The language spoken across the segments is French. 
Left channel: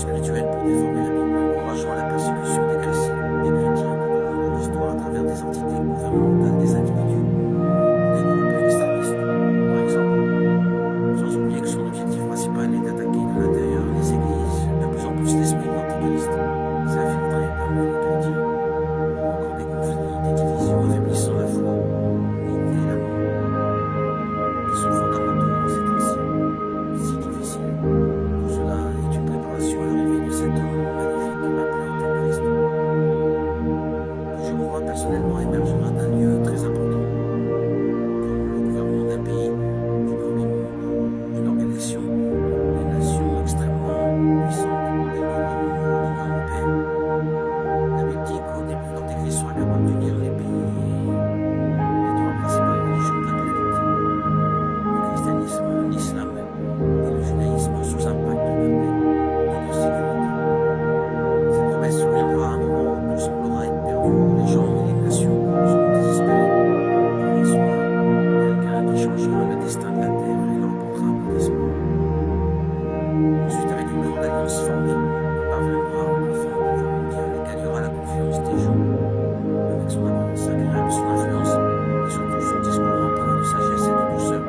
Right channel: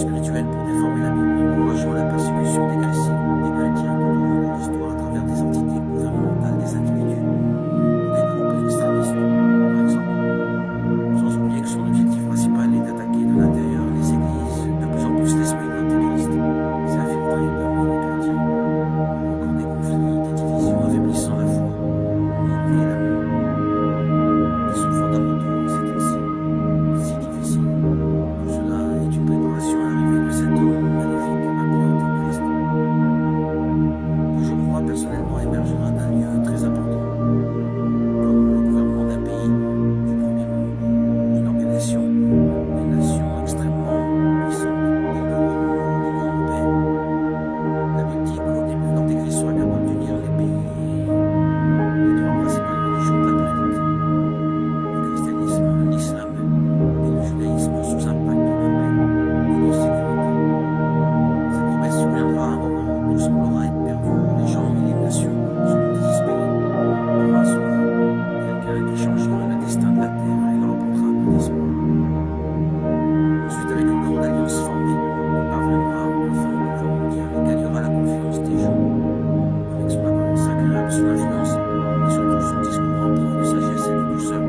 spirituelle pour déformer la Bible, encourageant la persécution des chrétiens tout au long de l'histoire à travers des entités gouvernementales, des individus, des groupes extrémistes, par exemple. Sans oublier que son objectif principal est d'attaquer de l'intérieur les églises, de plus en plus l'esprit de l'Antéchrist s'infiltrer parmi les chrétiens, provoquant des conflits, des divisions, affaiblissant la foi, l'unité et l'amour, qui sont fondamentaux en ces temps-ci, si difficiles. Tout cela est une préparation à l'arrivée de cet homme magnifique appelé Antéchrist, que je crois personnellement émergera d'un lieu très important, comme le gouvernement d'un pays du premier monde, une organisation des nations extrêmement puissantes, telles que l'Union européenne. La Bible dit qu'au début, l'Antéchrist sera capable d'unir les pays et les trois principales religions de la planète, le christianisme, l'islam et le judaïsme, sous un pacte de paix et de sécurité. Cette promesse surviendra à un moment où tout semblera être perdu, où les gens et les nations seront désespérés. Il y aura soit quelqu'un qui changera le destin de la terre et leur apportera un peu d'espoir. Ensuite, avec une grande alliance formée, il parviendra enfin au pouvoir mondial et gagnera la confiance des gens, avec son apparence agréable, son influence et surtout son discours empreint de sagesse et de douceur.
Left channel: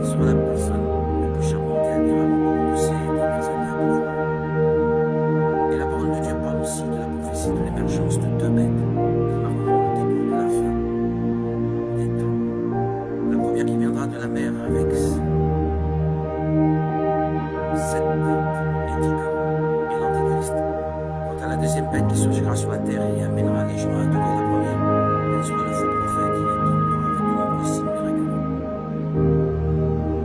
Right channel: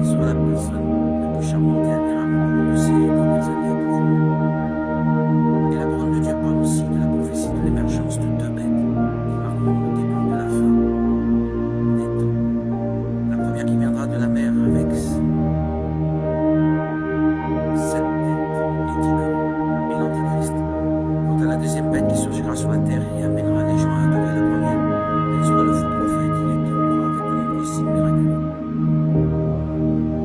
Il sera la personne la plus charmante et admirable au cours de ses premières années au pouvoir. Et la parole de Dieu parle aussi de la prophétie de l'émergence de deux bêtes qui marqueront le début de la fin des temps. La première qui viendra de la mer avec sept têtes et 10 cornes, et l'Antéchrist. Quant à la deuxième bête qui surgira sur la terre et amènera les gens à adorer la première, elle sera le faux prophète, il est avec de nombreux signes miraculeux.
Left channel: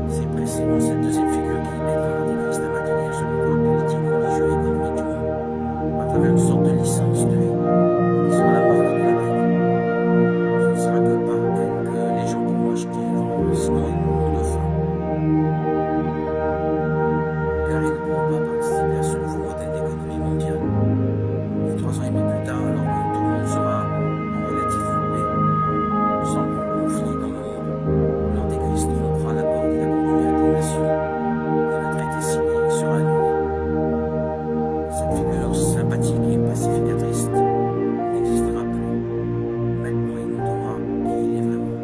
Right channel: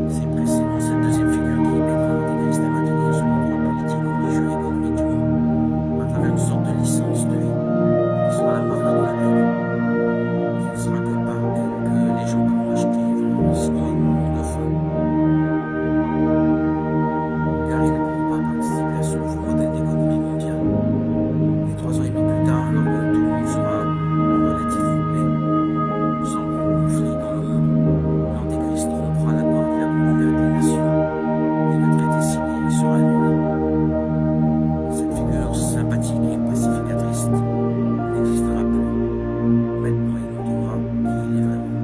C'est précisément cette deuxième figure qui aidera l'Antéchrist à maintenir son contrôle politique, religieux et économique du monde, à travers une sorte de licence de vie, qui sera la marque de la bête. Ce ne sera que par elle que les gens pourront acheter et vendre, sinon ils mourront de faim, car ils ne pourront pas participer à ce nouveau modèle d'économie mondiale. Et 3 ans et demi plus tard, alors que tout le monde sera en relative paix, sans conflit dans le monde, l'Antéchrist rompra l'accord qu'il a conclu avec les nations et le traité signé sera annulé. Cette figure sympathique et pacificatrice n'existera plus. Maintenant, il montrera qui il est vraiment.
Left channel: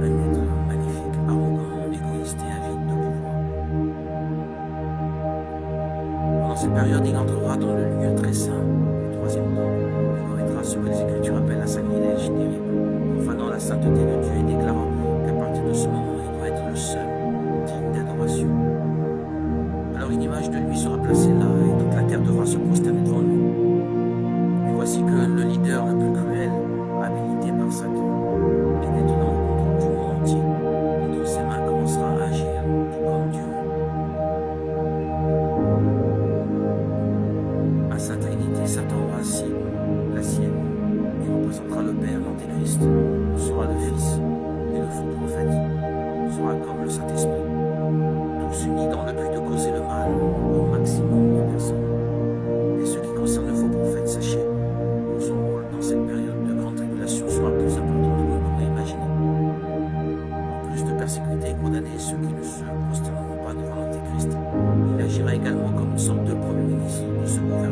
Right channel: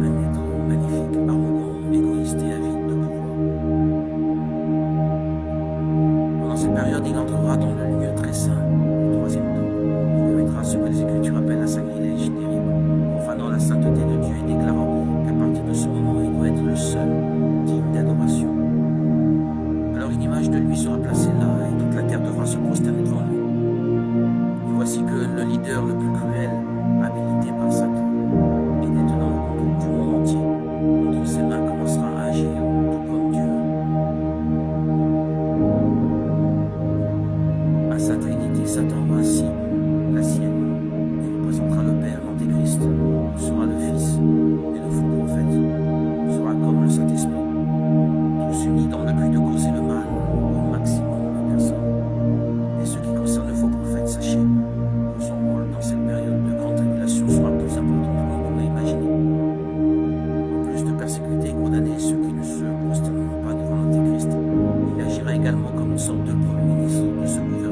Un être magnifique, arrogant, égoïste et avide de pouvoir. Pendant cette période, il entrera dans le lieu très saint du troisième temple. Il commettra ce que les Écritures appellent un sacrilège terrible, profanant la sainteté de Dieu et déclarant qu'à partir de ce moment, il doit être le seul digne d'adoration. Alors une image de lui sera placée là et toute la terre devra se prosterner devant lui. Et voici que le leader le plus cruel, habilité par Satan et détenant le contrôle du monde entier, entre ses mains commencera à agir tout comme Dieu. À sa trinité, Satan aura ainsi la sienne. Il représentera le Père, l'Antéchrist, sera le Fils, et le faux prophète sera comme le Saint-Esprit, tous unis dans le but de causer le mal au maximum de personnes. Et ce qui concerne le faux prophète, sachez que son rôle dans cette période de grande tribulation sera plus important que vous pourrez imaginer. En plus de persécuter et condamner ceux qui ne se prosterneront pas devant l'Antéchrist, il agira également comme une sorte de premier ministre de ce gouvernement.